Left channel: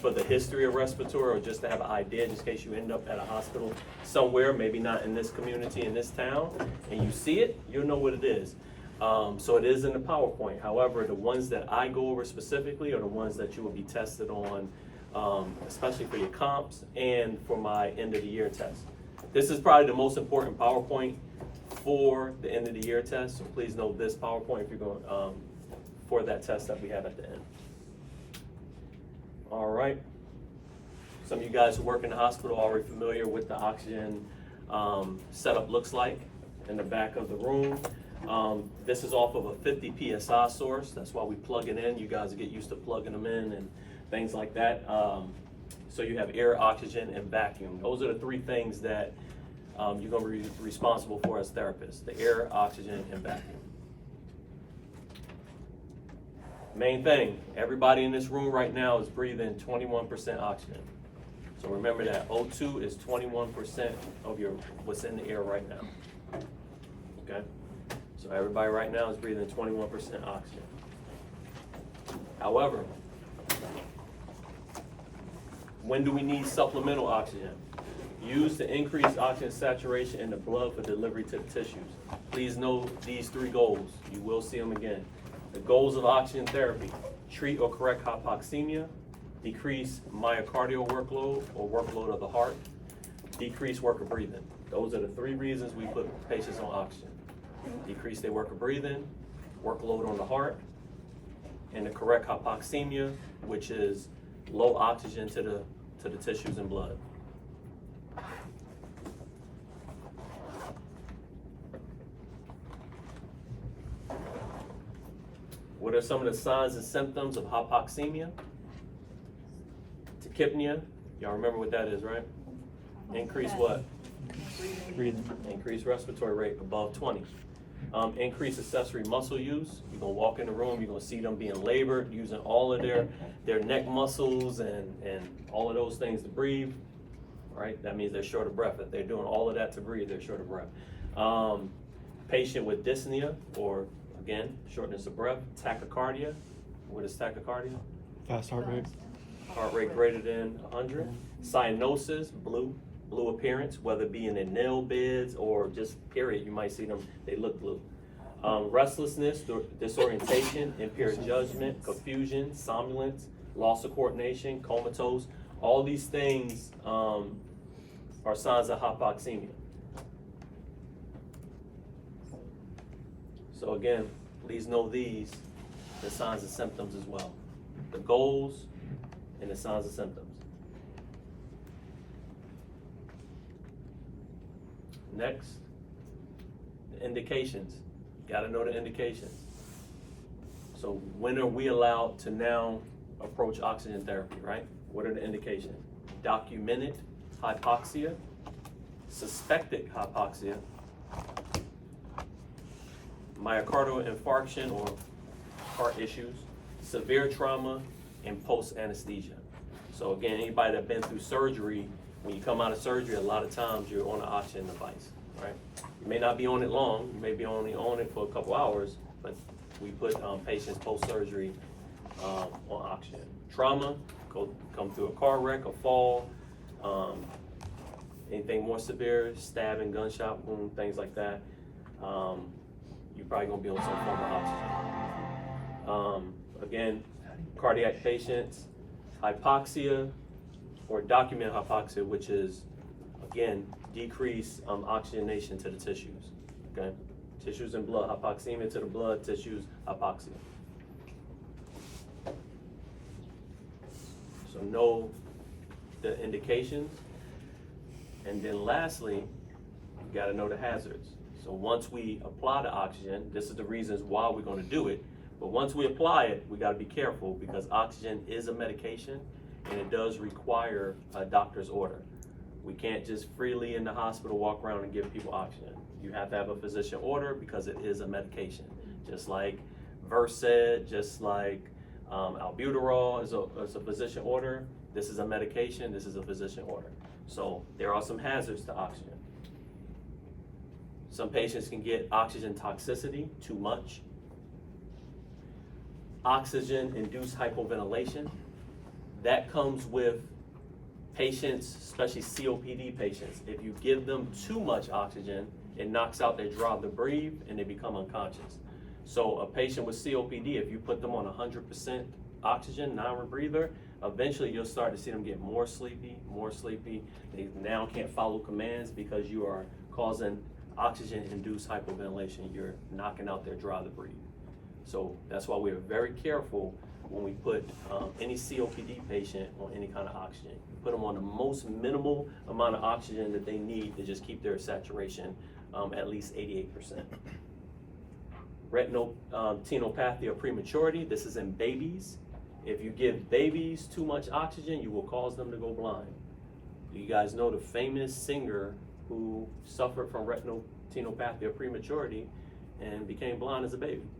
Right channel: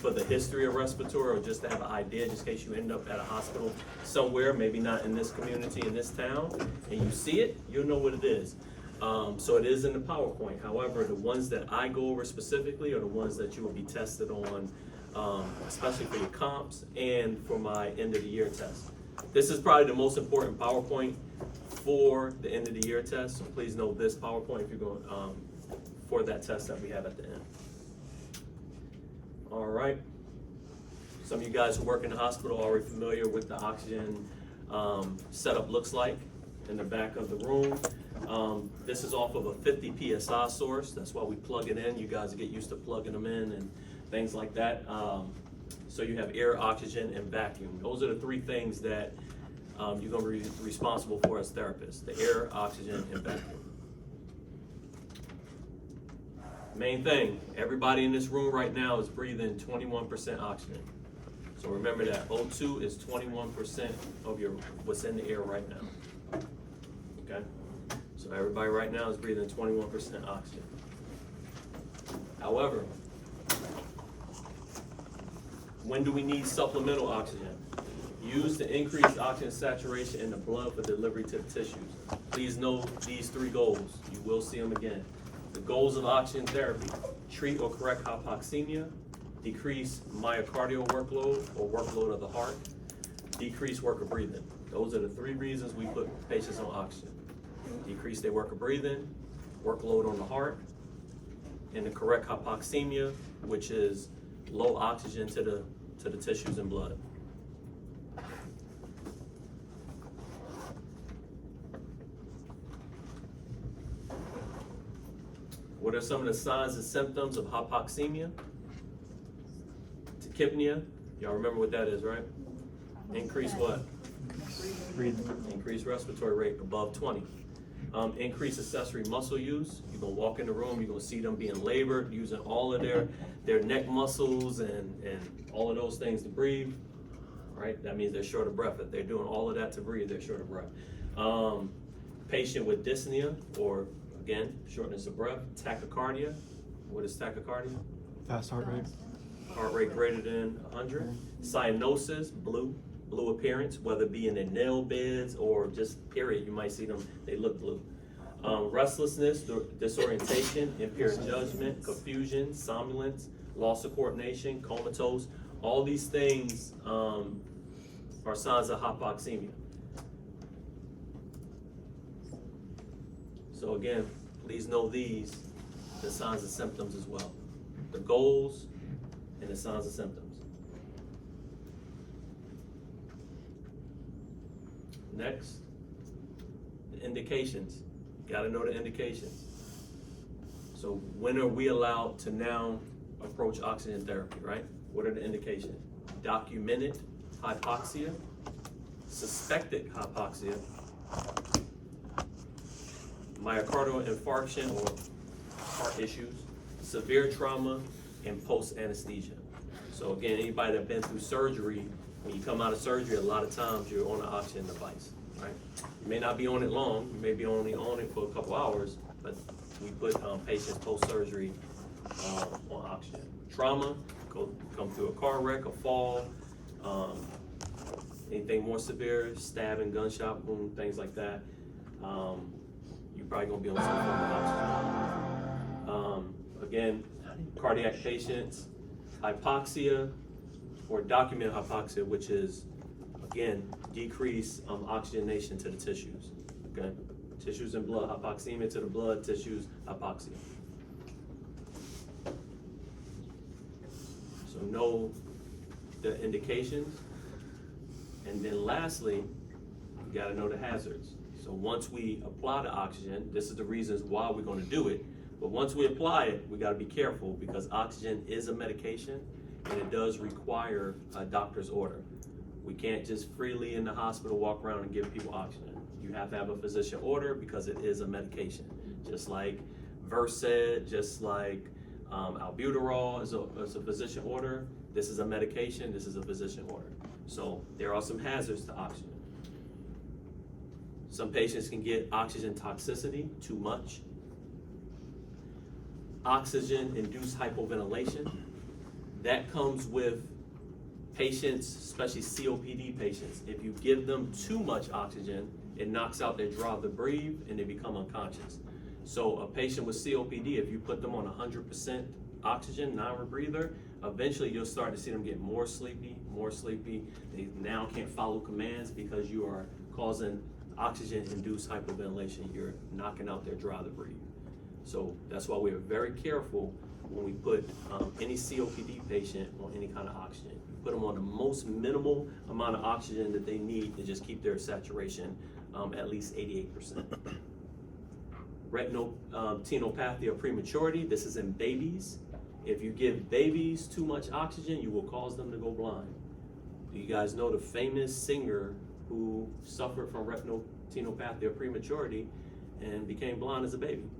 for the history of respiratory, or just to have an idea, just in case you end up at a hospital somewhere, maybe not in this community, in this town, and you see it, you'll know what it is. So it is in the PowerPoint. However, the ones that I go over specifically are the ones that you will be tested on, especially for your comps and for my end of the year test. This is probably the most important PowerPoint for the end of the year test. So please note this PowerPoint if you're going for that test that we have at the end. All right. Some of you guys who work in the hospital are already familiar with the oxygen setup looks like in the back of the room. This is off of a 50 PSI source. That's why we plug it in. You guys get used to plugging them in and things like that. So you have air, oxygen, and vacuum. Those are the three things that you're going to be responsible for as therapists: the air, oxygen, and vacuum. Main thing, everybody in this room right now is breathing 21% oxygen. So remember that O2 is 21% of what's in the air right now. Okay? So everybody right now is breathing 21% oxygen. However, when do we need supplemental oxygen? Use the increased oxygen saturation in the blood for delivery to the tissues. Please note these three goals. You will see them again. The goals of oxygen therapy: treat or correct hypoxemia, decrease myocardial workload or workload of the heart, decrease work of breathing. Those are the three reasons we put patients on oxygen: decrease their work of breathing, workload on the heart, and the correct hypoxemia, which is low oxygen to the tissues and blood. What are some of the signs and symptoms of hypoxemia? Tachypnea, y'all remember what that is, right? Increase what? Breathing. Increased respiratory rate above 20. Increased accessory muscle use. You're gonna walk in the room, you're gonna see them being labored, using all of their neck muscles and all of those things to breathe, right? That means they're short of breath. If they're doing all of that to breathe, they're short of breath. Patient with dyspnea, or again, shortness of breath. Tachycardia. What is tachycardia? Fast heart rate. Heart rate greater than 100. Cyanosis, blue appearance, whether it be in their nail beds or just period, you might see them, they look blue. Restlessness, disorientation, impaired judgment, confusion, somnolence, loss of coordination, comatose. All these things are signs of hypoxemia. So again, please know these, the signs and symptoms as well. The goals and the signs and symptoms. Next, the indications. Gotta know the indications. So when are we allowed to now approach oxygen therapy, right? What are the indications? Documented hypoxia, suspected hypoxia, myocardial infarction or heart issues, severe trauma, and post-anesthesia. So again, anybody that's been through surgery, when you come out of surgery, a lot of times you're on an oxygen device, right? You may not be on it long, you may be only on it for a couple hours, but we put patients post-surgery on oxygen. Trauma, come through a car wreck, a fall, anything more severe, stabbing, gunshot wound, things like that. You're probably gonna be on some form of oxygen. Again, cardiac patients, hypoxia or documented hypoxia, which is, again, decreased oxygenation to the tissues, okay? Tissues and blood, hypoxemia to the blood, tissues, hypoxia. So know the indications. And then lastly, you gotta know the hazards. So once we apply the oxygen, this is the reasons why we're gonna do it, but once we apply it, we gotta be careful because oxygen is a medication and it does require a doctor's order. We can't just freely in the hospital walk around and give people oxygen. You have to have a physician order because it is a medication. Just like Versed, just like albuterol is a physician order. This is a medication, this is a physician order. So there are some hazards to oxygen. Some patients can get oxygen toxicity, too much. Oxygen-induced hypoventilation. That comes with patients, especially COPD patients. If you give them too much oxygen, it knocks out their drive to breathe and they become unconscious. So a patient with COPD, if you put them on 100% oxygen, non-rebreather, eventually you'll start to see them get more sleepy. They now can't follow commands because you are causing oxygen-induced hypoventilation. You're knocking out their drive to breathe. So that's why we're very careful when we put any COPD patient on any kind of oxygen. We put them on the most minimal amount of oxygen that they need to just keep their saturation at least 88%. Retinopathia of prematurity, this is in babies. If you give babies too much oxygen, you will cause them to go blind. Do you guys know the famous singer who suffered from retinopathia of prematurity and became blind as a baby?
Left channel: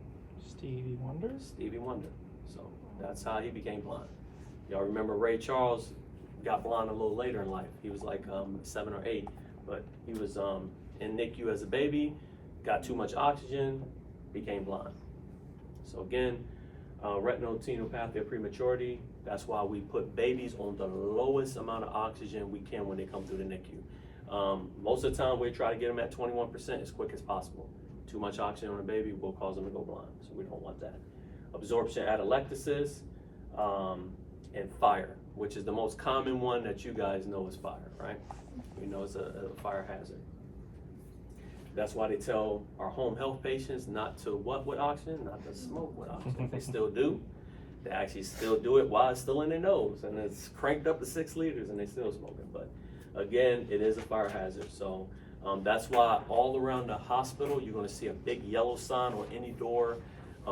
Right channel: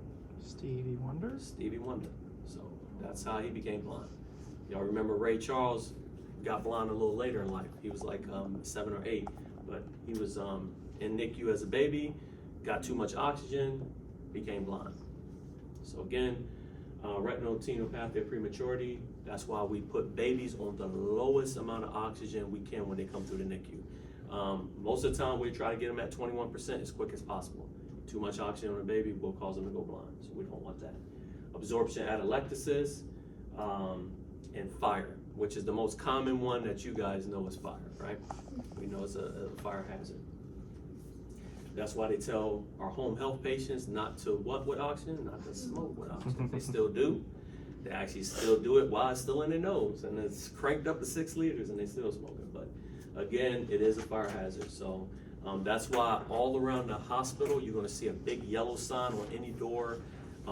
Stevie Wonder? Stevie Wonder. So that's how he became blind. Y'all remember Ray Charles got blind a little later in life. He was like 7 or 8, but he was in NICU as a baby, got too much oxygen, became blind. So again, retinopathia of prematurity, that's why we put babies on the lowest amount of oxygen we can when they come through the NICU. Most of the time we try to get them at 21% as quick as possible. Too much oxygen on a baby will cause them to go blind, so we don't want that. Absorption atelectasis and fire, which is the most common one that you guys know is fire, right? We know it's a fire hazard. That's why they tell our home health patients not to what with oxygen? Not to smoke with oxygen. They still do. They actually still do it while it's still in their nose, and it's cranked up to 6 liters and they still smoking. But again, it is a fire hazard. So that's why all around the hospital, you're gonna see a big yellow sign on any door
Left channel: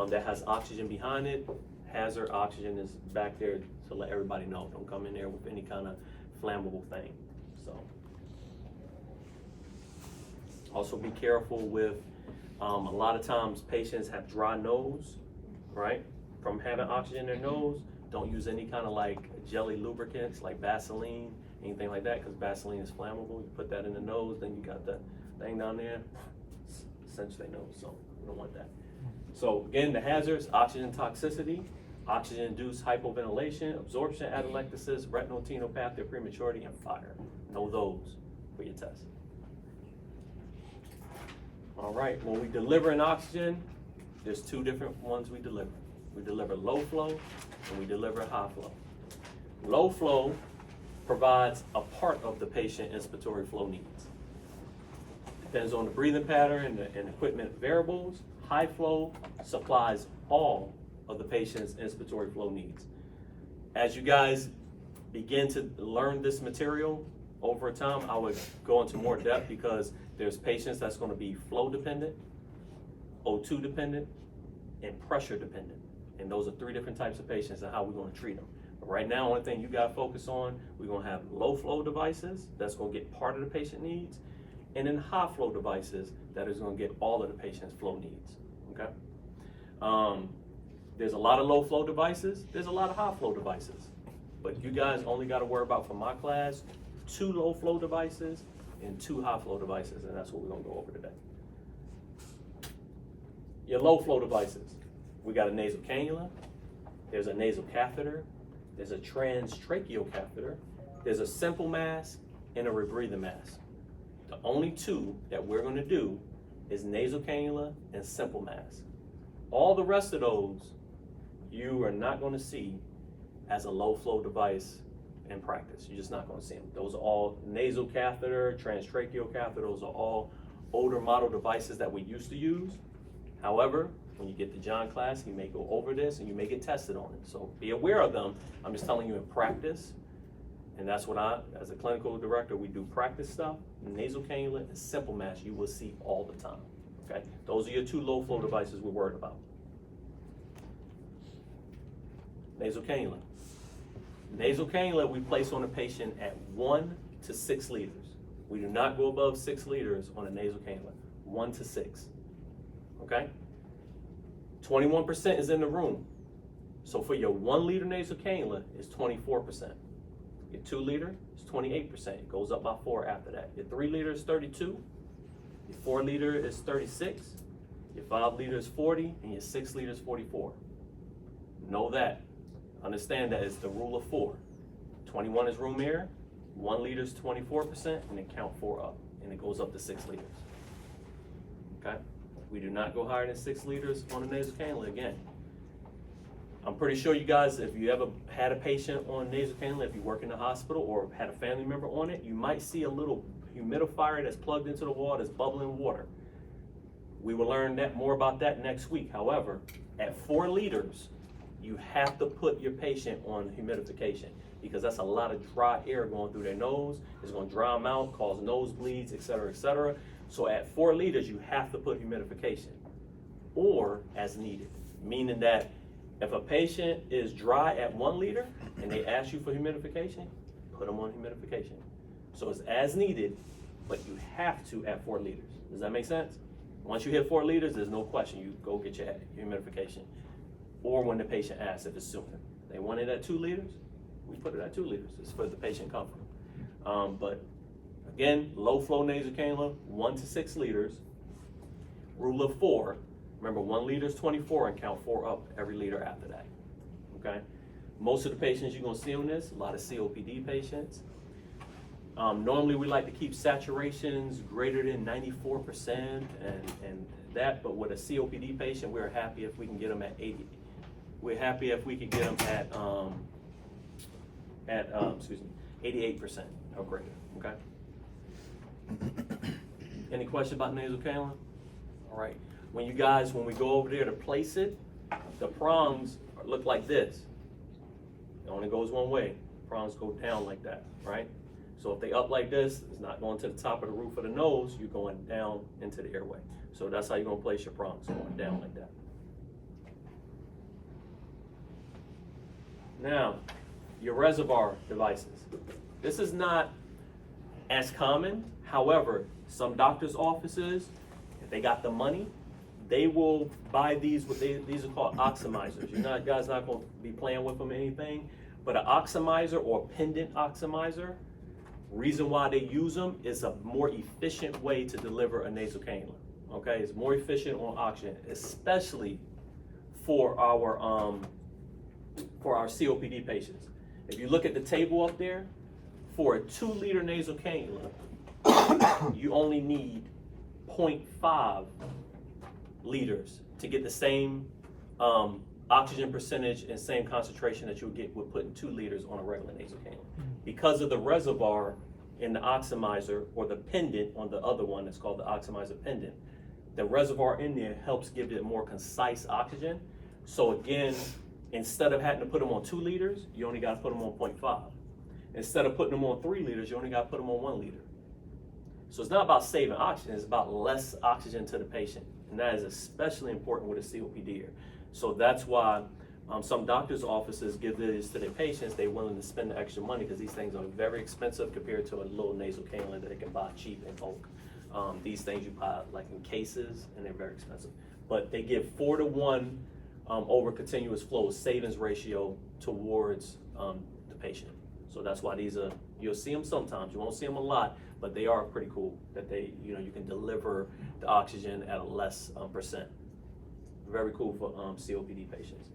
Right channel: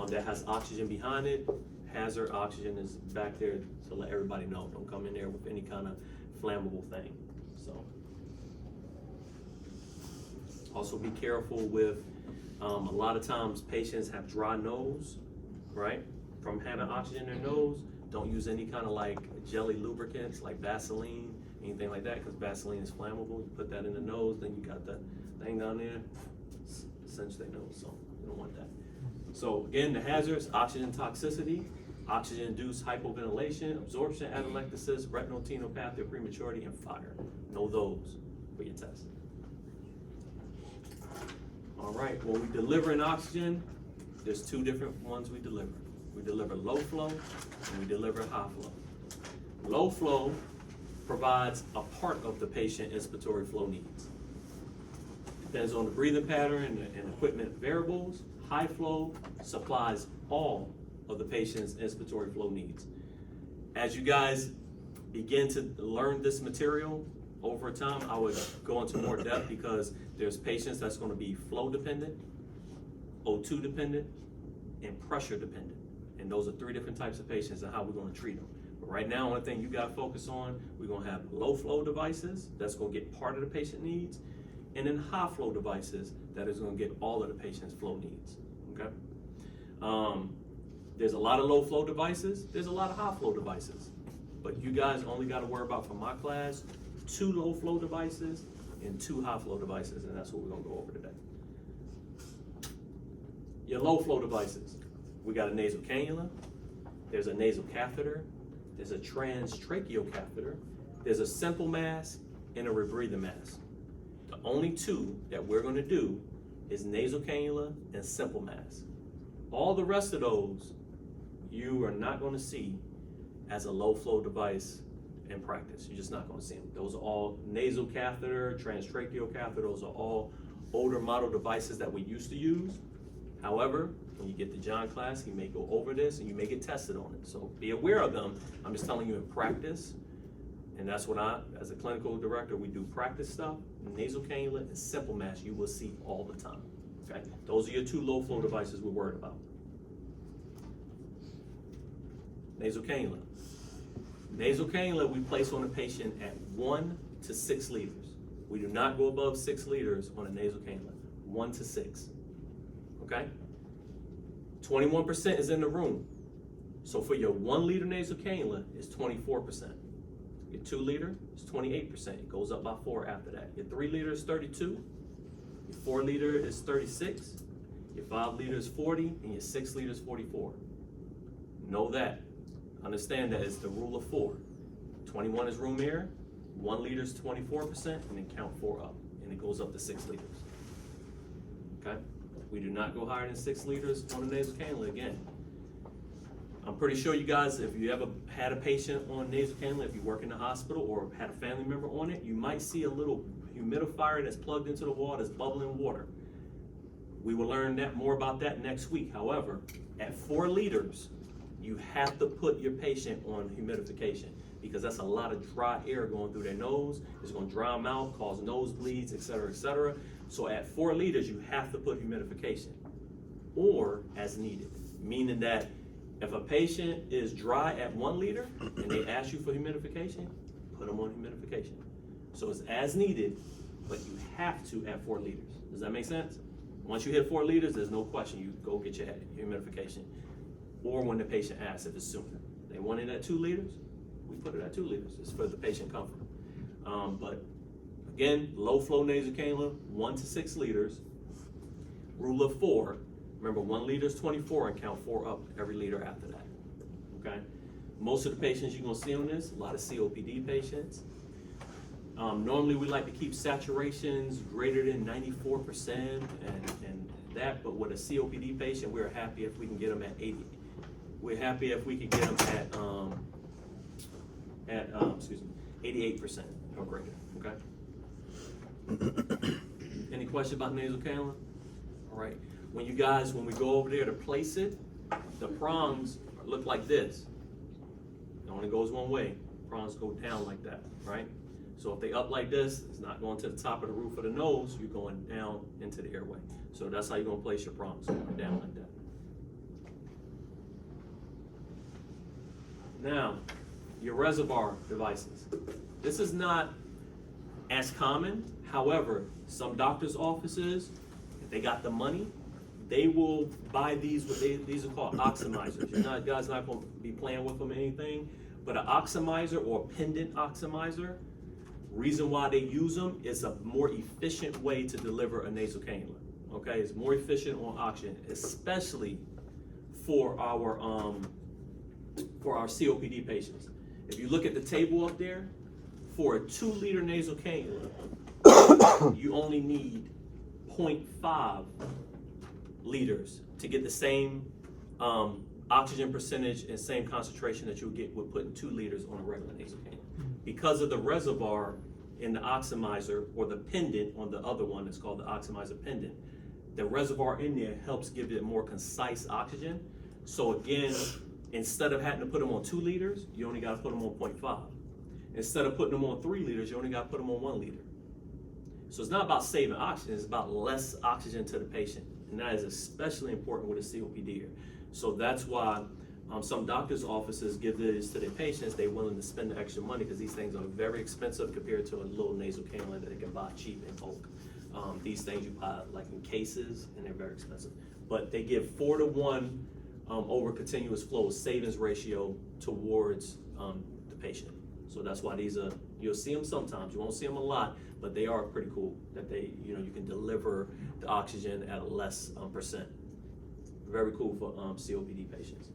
that has oxygen behind it. Hazard oxygen is back there to let everybody know. Don't come in there with any kind of flammable thing. So also be careful with, a lot of times patients have dry nose, right? From having oxygen in their nose. Don't use any kind of like jelly lubricants like Vaseline, anything like that, because Vaseline is flammable. You put that in the nose, then you got the thing down there, cinch their nose, so you don't want that. So again, the hazards: oxygen toxicity, oxygen-induced hypoventilation, absorption atelectasis, retinopathia of prematurity, and fire. Know those for your test. All right, when we deliver an oxygen, there's 2 different ones we deliver. We deliver low flow and we deliver high flow. Low flow provides a part of the patient inspiratory flow needs. Depends on the breathing pattern and equipment variables. High flow supplies all of the patient's inspiratory flow needs. As you guys begin to learn this material over time, I would go into more depth because there's patients that's going to be flow dependent, O2 dependent, and pressure dependent. And those are 3 different types of patients and how we're going to treat them. But right now, one thing you got to focus on, we're going to have low flow devices that's going to get part of the patient needs, and then high flow devices that is going to get all of the patient's flow needs. Okay. There's a lot of low flow devices. There's a lot of high flow devices. But you guys only got to worry about, for my class, 2 low flow devices and 2 high flow devices, and that's what we're going to go over today. Your low flow devices. We got a nasal cannula, there's a nasal catheter, there's a transtracheal catheter, there's a simple mask, and a rebreathing mask. The only 2 that we're going to do is nasal cannula and simple mask. All the rest of those you are not going to see as a low flow device in practice. You're just not going to see them. Those are all nasal catheter, transtracheal catheter. Those are all older model devices that we used to use. However, when you get to John class, he may go over this and you may get tested on it. So be aware of them. I'm just telling you in practice, and that's what I, as a clinical director, we do practice stuff. Nasal cannula and simple mask you will see all the time. Okay, those are your 2 low flow devices we're worried about. Nasal cannula. Nasal cannula we place on a patient at 1 to 6 liters. We do not go above 6 liters on a nasal cannula. 1 to 6. Okay? 21% is in the room. So for your 1 liter nasal cannula, it's 24%. Your 2 liter is 28%. It goes up by 4 after that. Your 3 liter is 32. Your 4 liter is 36. Your 5 liter is 40, and your 6 liter is 44. Know that. understand that it's the rule of 4. 21 is room air, 1 liter is 24%, and then count 4 up, and it goes up to 6 liters. Okay? We do not go higher than 6 liters on a nasal cannula again. I'm pretty sure you guys, if you ever had a patient on nasal cannula, if you work in the hospital or had a family member on it, you might see a little humidifier that's plugged into the wall that's bubbling water. We will learn that more about that next week. However, at 4 liters, you have to put your patient on humidification because that's a lot of dry air going through their nose. It's going to dry them out, cause nosebleeds, et cetera, et cetera. So at 4 liters, you have to put humidification or as needed, meaning that if a patient is dry at 1 liter and they ask you for humidification, put them on humidification. So it's as needed, but you have to at 4 liters. Does that make sense? Once you hit 4 liters, there's no question. You go get your humidification. Or when the patient asks if it's sooner. They want it at 2 liters, we put it at 2 liters. It's for the patient comfort. But again, low flow nasal cannula, 1 to 6 liters. Rule of 4. Remember, 1 liter is 24 and count 4 up every liter after that. Okay? Most of the patients you're gonna see on this, a lot of COPD patients. Normally we like to keep saturations greater than 94% and that, but with a COPD patient, we're happy if we can get them at 80. We're happy if we can get them at 88% or greater, okay? Any questions about nasal cannula? All right, when we go over there to place it, the prongs look like this. It only goes one way. Prongs go down like that, right? So if they up like this, it's not going to the top of the roof of the nose, you're going down into the airway. So that's how you're gonna place your prongs, going down like that. Now, your reservoir devices. This is not as common. However, some doctor's offices, if they got the money, they will buy these, these are called oximizers. You're guys not gonna be playing with them or anything, but an oximizer or pendant oximizer, reason why they use them is a more efficient way to deliver a nasal cannula. Okay, it's more efficient on oxygen, especially for our COPD patients. If you look at the table up there, for a 2 liter nasal cannula, you only need 0.5 liters to get the same oxygen percentage and same concentration that you'll get with putting 2 liters on a regular nasal cannula. Because of the reservoir in the oximizer or the pendant on the other one that's called the oximizer pendant, the reservoir in there helps give it more concise oxygen. So again, instead of having to put them on 2 liters, you only got to put them on 0.5. Instead of putting them on 3 liters, you only got to put them on 1 liter. So it's not about saving oxygen, it's about less oxygen to the patient. And that is especially important with a COPD. So that's why some doctors' offices give this to their patients. They're willing to spend the extra money because these things are very expensive compared to a little nasal cannula that they can buy cheap in bulk. These things you buy like in cases and they're very expensive. But they give 4 to 1 over continuous flow savings ratio towards the patient. So that's why these are, you'll see them sometimes, you won't see them a lot, but they are pretty cool that they, you can deliver the oxygen at a less percent. Very cool for COPD patients.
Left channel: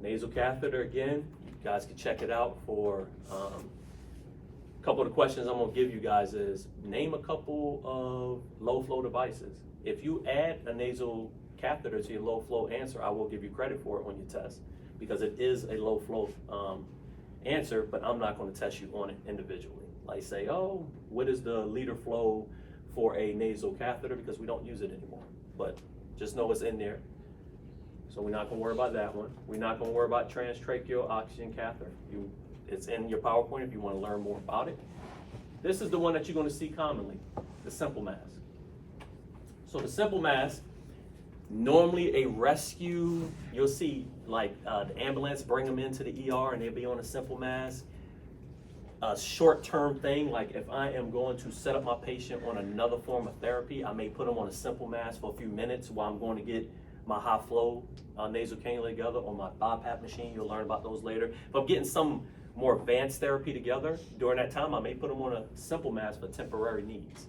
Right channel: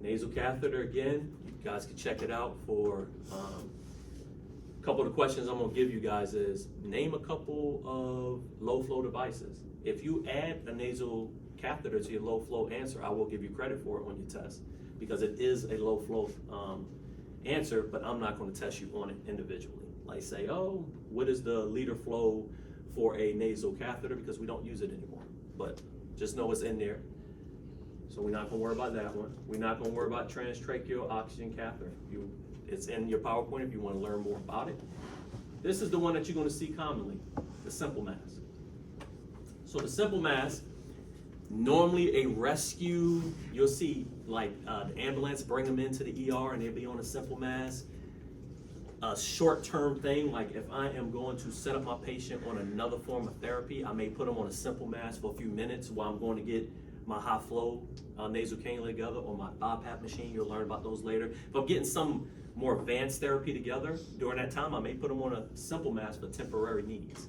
Nasal catheter, again, you guys can check it out for a couple of the questions I'm gonna give you guys is, name a couple of low flow devices. If you add a nasal catheter to your low flow answer, I will give you credit for it on your test because it is a low flow answer, but I'm not gonna test you on it individually. Like say, oh, what is the liter flow for a nasal catheter, because we don't use it anymore. But just know it's in there. So we're not gonna worry about that one. We're not gonna worry about transtracheal oxygen catheter. It's in your PowerPoint if you wanna learn more about it. This is the one that you're gonna see commonly, the simple mask. So the simple mask, normally a rescue, you'll see like the ambulance bring them into the ER and they'll be on a simple mask. A short-term thing, like if I am going to set up my patient on another form of therapy, I may put them on a simple mask for a few minutes while I'm going to get my high flow nasal cannula together, or my BiPAP machine. You'll learn about those later. If I'm getting some more advanced therapy together, during that time I may put them on a simple mask for temporary needs.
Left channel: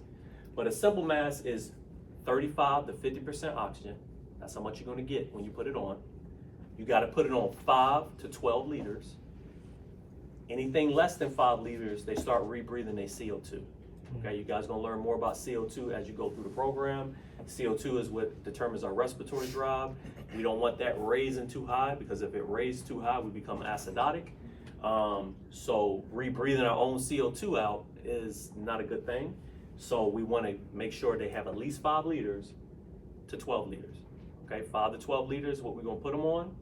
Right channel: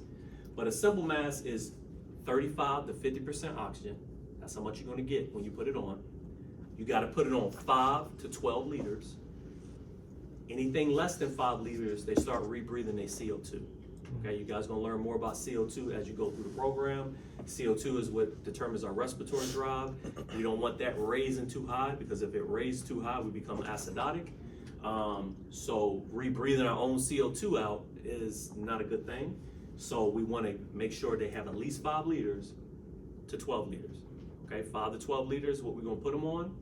But a simple mask is 35 to 50% oxygen. That's how much you're going to get when you put it on. You gotta put it on 5 to 12 liters. Anything less than 5 liters, they start rebreathing their CO2. Okay, you guys gonna learn more about CO2 as you go through the program. CO2 is what determines our respiratory drive. We don't want that raising too high, because if it raises too high, we become acidotic. So rebreathing our own CO2 out is not a good thing. So we wanna make sure they have at least 5 liters to 12 liters. Okay, 5 to 12 liters is what we're gonna put them on,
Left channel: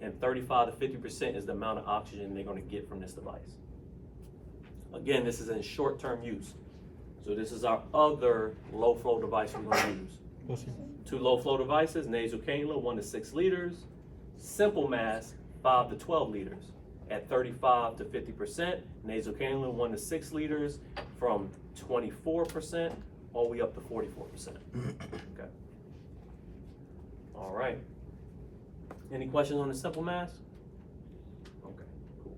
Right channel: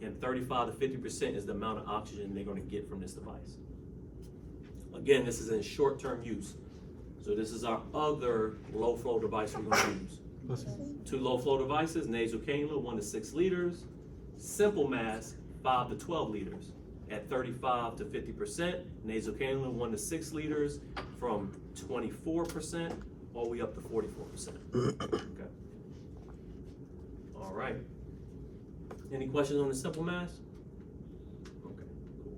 and 35 to 50% is the amount of oxygen they're gonna get from this device. Again, this is in short-term use. So this is our other low flow device we're gonna use. Listen. 2 low flow devices, nasal cannula, 1 to 6 liters. Simple mask, 5 to 12 liters at 35 to 50%. Nasal cannula, 1 to 6 liters from 24% all the way up to 44%. Okay. All right. Any questions on the simple mask? Okay, cool.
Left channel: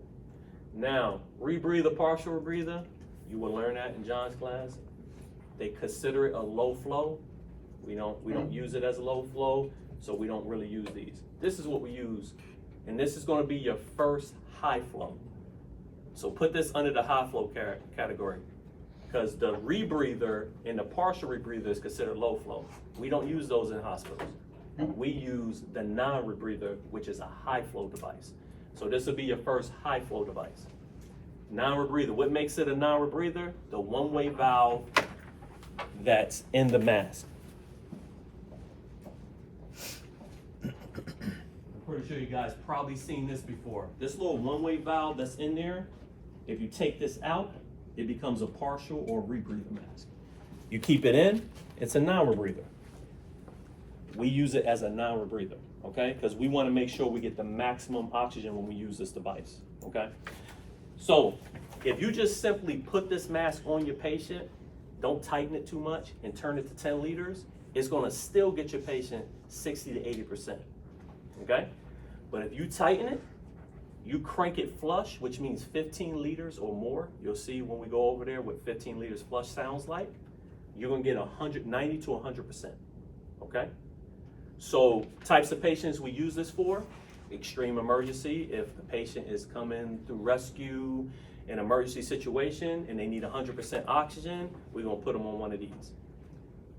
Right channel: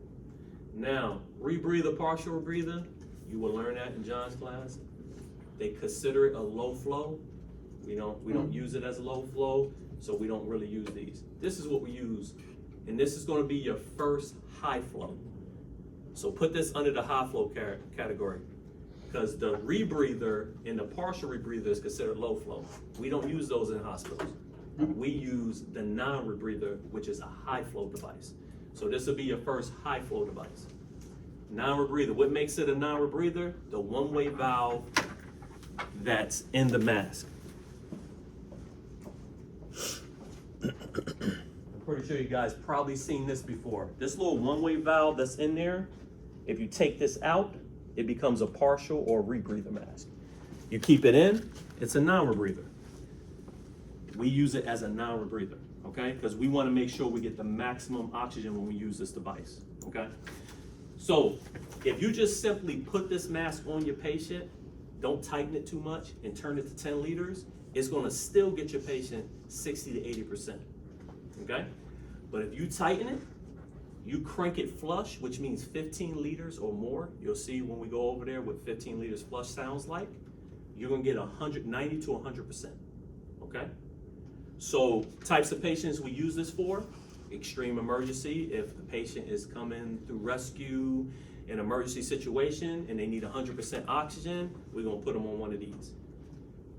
Now, rebreather, partial rebreather, you will learn that in John's class. They consider it a low flow. We don't use it as a low flow, so we don't really use these. This is what we use, and this is gonna be your first high flow. So put this under the high flow category, because the rebreather and the partial rebreather is considered low flow. We don't use those in hospitals. We use the non-rebreather, which is a high flow device. So this will be your first high flow device. Non-rebreather, what makes it a non-rebreather? The one-way valve that's in the mask. I'm pretty sure you guys probably seen this before. This little one-way valve that's in there, if you take this out, it becomes a partial or rebreather mask. You keep it in, it's a non-rebreather. We use it as a non-rebreather, okay? Because we want to make sure we get the maximum oxygen when we use this device, okay? So if you just simply put this mask on your patient, don't tighten it too much, and turn it to 10 liters, it's gonna still get your patient 60 to 80%, okay? But if you tighten it, you crank it flush, which means 15 liters or more. You'll see when we go over there what 15 liters flush sounds like. You're gonna get 190 to 100%, okay? So types of patients we use this for: extreme emergency, if the patient is coming through rescue, an emergency situation, and they need 100% oxygen, we're gonna put them on one of these.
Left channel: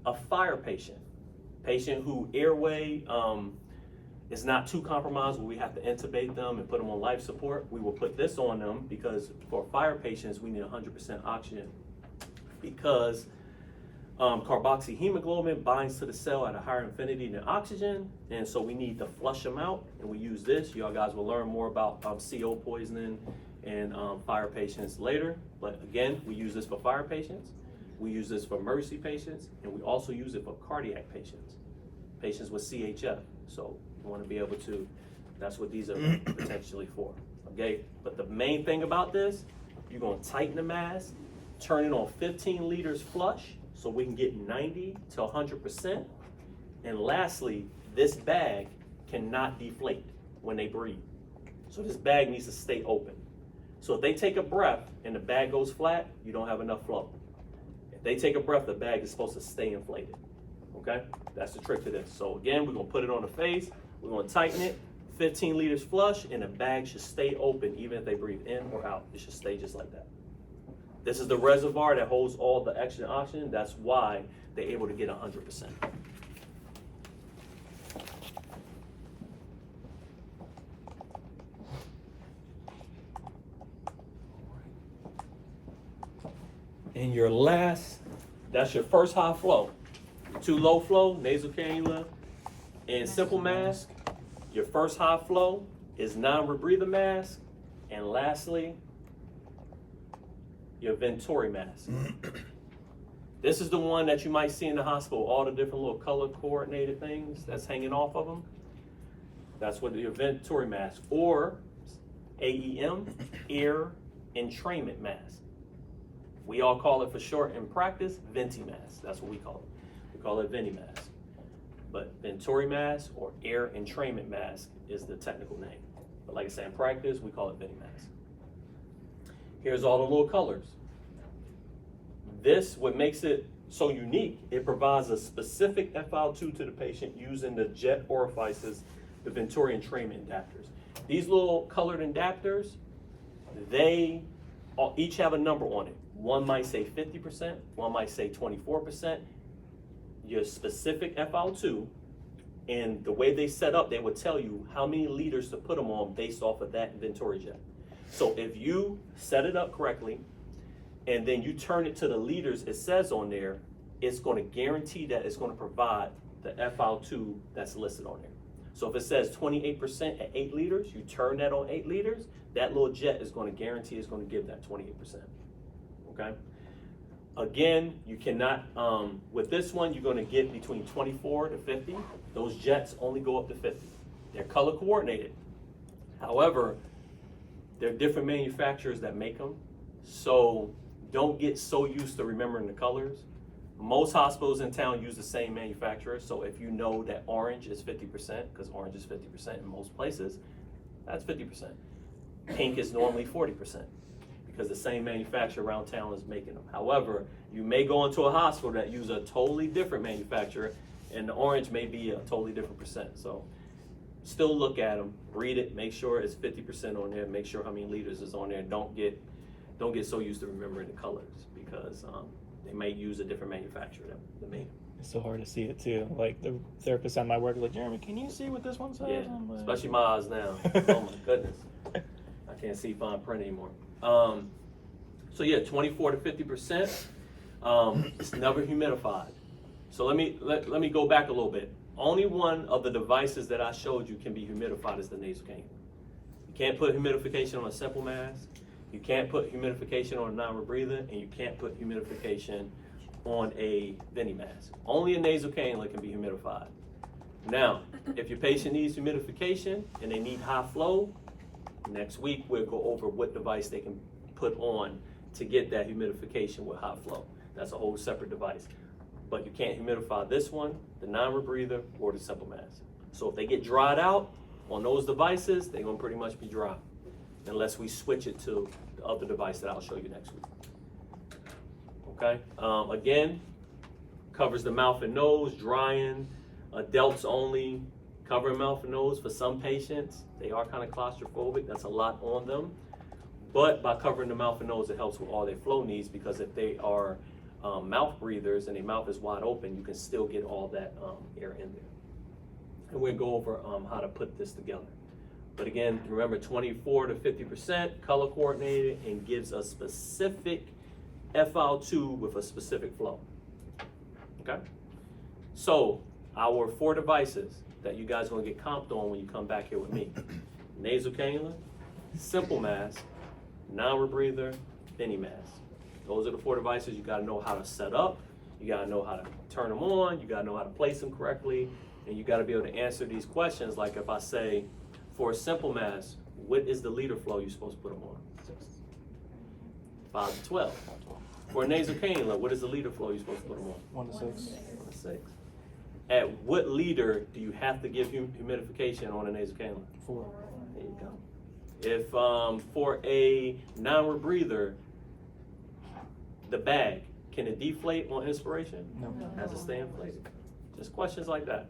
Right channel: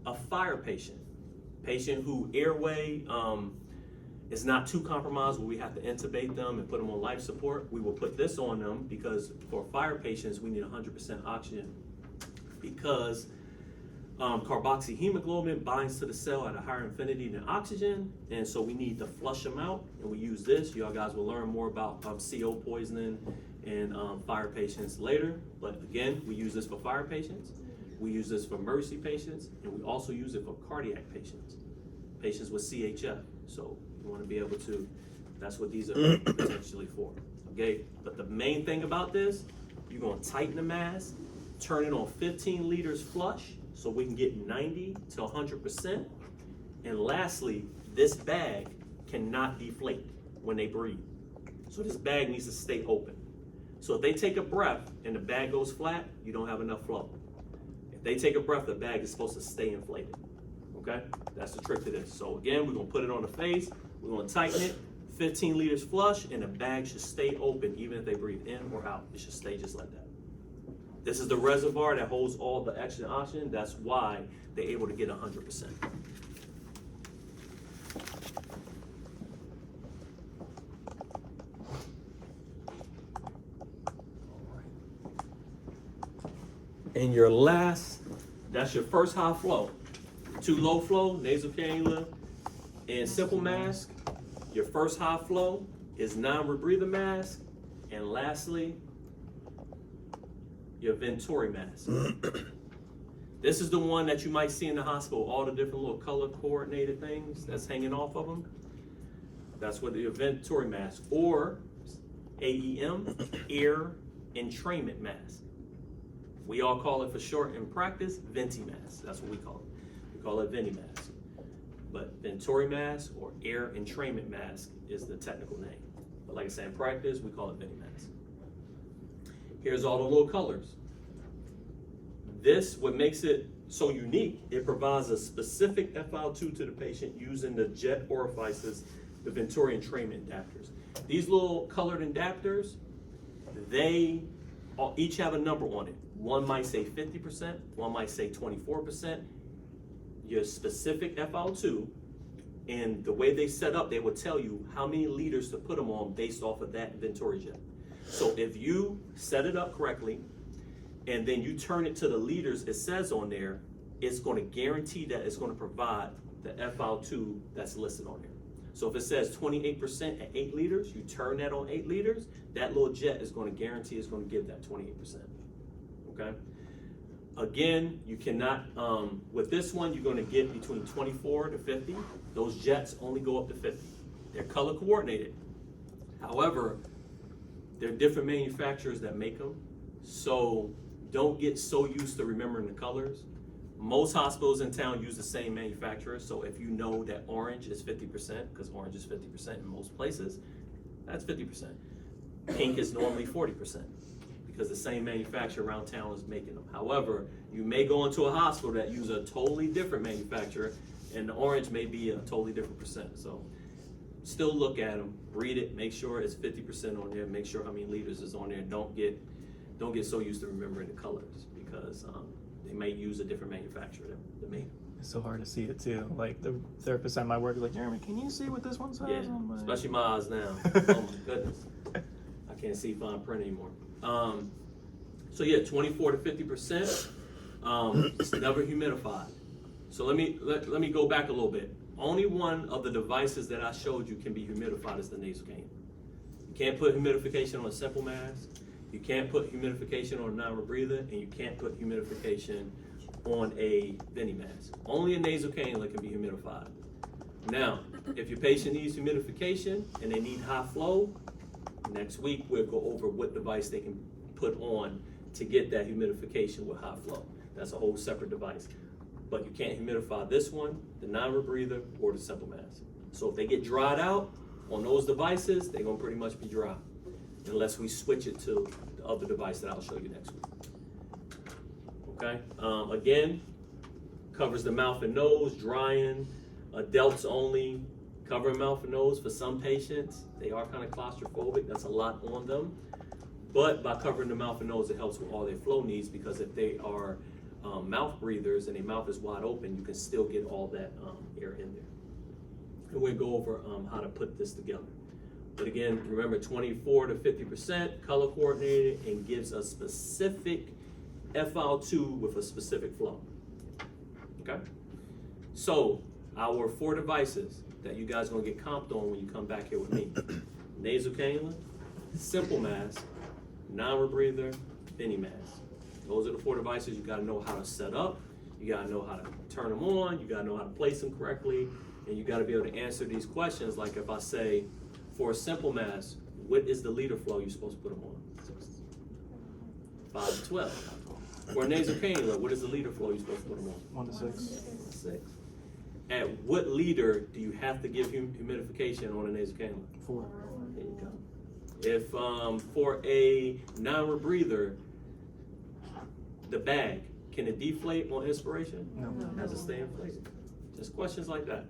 A fire patient who airway is not too compromised where we have to intubate them and put them on life support, we will put this on them, because for fire patients, we need 100% oxygen, because carboxyhemoglobin binds to the cell at a higher affinity than oxygen, and so we need to flush them out, and we use this. You all guys will learn more about CO poisoning and fire patients later, but again, we use this for fire patients, we use this for emergency patients, and we also use it for cardiac patients with CHF. So you want to be able to, that's what these are potentially for, okay? But the main thing about this, you're going to tighten the mask, turn it on 15 liters flush, so we can get 90 to 100%. And lastly, this bag cannot deflate when they breathe. So this bag needs to stay open. So if they take a breath and the bag goes flat, you don't have enough flow. If they take a breath, the bag is supposed to stay inflated, okay? That's the trick to this. So again, we're gonna put it on the face, we're gonna tighten it, 15 liters flush, and the bag should stay open even if they breathe in or out. It should stay just like that. This is the reservoir that holds all the extra oxygen. That's why they're able to get 100%. And your last, that's your first high flow. 2 low flow, nasal cannula, and simple mask. Your first high flow is non-rebreather mask. And lastly, your Venturi mask. This is the one that you might see in the hospital, all the different little color coordinated things that's hanging off of them. That's what the Venturi mask, or AEM, ear entrainment mask. We all call it for short in practice, Venti mask. That's what we call it. We call it Venti mask. But Venturi mask or air entrainment mask is the technical name. But like I said, in practice, we call it Venti mask. Here's all the little colors. This, what makes it so unique, it provides a specific FiO2 to the patient using the jet orifices the Venturi entrainment adapters. These little colored adapters, they each have a number on it. One might say 50%, one might say 24%. Your specific FiO2, and the way they set up, they would tell you how many liters to put them on based off of that Venturi jet. So if you set it up correctly, and then you turn it to the liters it says on there, it's going to guarantee that it's going to provide the FiO2 that's listed on there. So if it says 28% at 8 liters, you turn that on 8 liters, that little jet is going to guarantee it's going to give that 28%. Okay? Again, you cannot, with this one, you're going to get between 24 to 50. Those jets only go up to 50. They're color coordinated. However, there are different manufacturers that make them. So don't get so used to remembering the colors. Most hospitals in town use the same manufacturer. So if you know that orange is 50%, because orange is 50% in most places, that's 50%. Pink is normally 40%. Because the same manufacturer around town is making them. However, you may go into a hospital that use a totally different manufacturer, and the orange may be a totally different percent. So still look at them, read it, make sure it's 50% on there, make sure how many liters is on there. Don't get so used to remembering the colors, because they may use a different manufacturer that made them. It's so hard to see it too. Like the therapist at my work is like, Jeremy, can you see what this one says? Yeah, I'm like, especially my eyes now. Oh my goodness, I can't see fine print anymore. So yeah, 24 to 50%. It's never humidified. So let me go back a little bit. Only one of the devices that I showed you can be humidified is the nasal cannula. You can't put humidification on a simple mask. You can't put humidification on a non-rebreather, and you can't put humidification on a Veni mask. Only a nasal cannula can be humidified. Now, if your patient needs humidification and they need high flow, next week we'll go over what device they can put on to get that humidification with high flow. That's a whole separate device. But you can't humidify this one, the non-rebreather, or the simple mask. So if they get dried out on those devices, they're gonna pretty much be dry, unless we switch it to the other device that I'll show you next week. Okay, again, covers the mouth and nose, drying, adults only, covering mouth and nose. For some patients, they are kind of claustrophobic, that's a lot on them. But by covering the mouth and nose, it helps with all their flow needs, because if they are mouth breathers and their mouth is wide open, you can still get all that air in there. And we'll go over how to put this together. But again, remember 24 to 50%, color coordinated, and gives a specific FiO2 with a specific flow. Okay? So our 4 devices that you guys are gonna get comped on when you come back here with me: nasal cannula, simple mask, non-rebreather, Veni mask. Those are the 4 devices you gotta know how to set up, you gotta know how to turn them on, you gotta know how to place them correctly, and you gotta be able to answer these questions. Like if I say, for a simple mask, what is the liter flow you're supposed to put them on? 5 to 12. For a nasal cannula, what is the liter flow you're supposed to put them on? 1 to 6. 1 to 6. At what liter do you have to give humidification on a nasal cannula? 4. There you go. If for a non-rebreather, the bag, can it deflate on inspiration? No. Has it stay inflated? Just questions like that.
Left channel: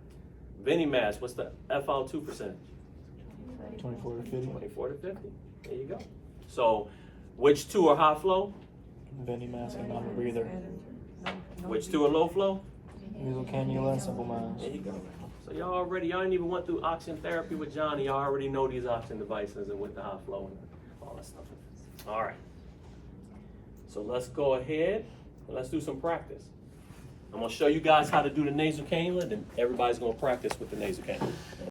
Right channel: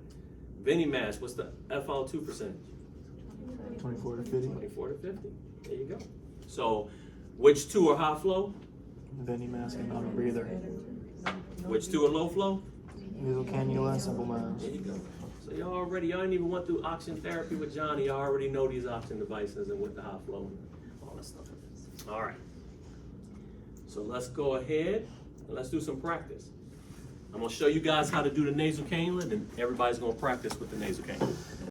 Veni mask, what's the FiO2 percentage? 24 to 50. 24 to 50. There you go. So, which 2 are high flow? Veni mask and non-breather. Which 2 are low flow? Nasal cannula and simple mask. There you go. So y'all didn't even went through oxygen therapy with Johnny. Y'all already know these oxygen devices and with the high flow and all that stuff. All right. So let's go ahead and let's do some practice. I'm gonna show you guys how to do the nasal cannula, then everybody's gonna practice with the nasal cannula.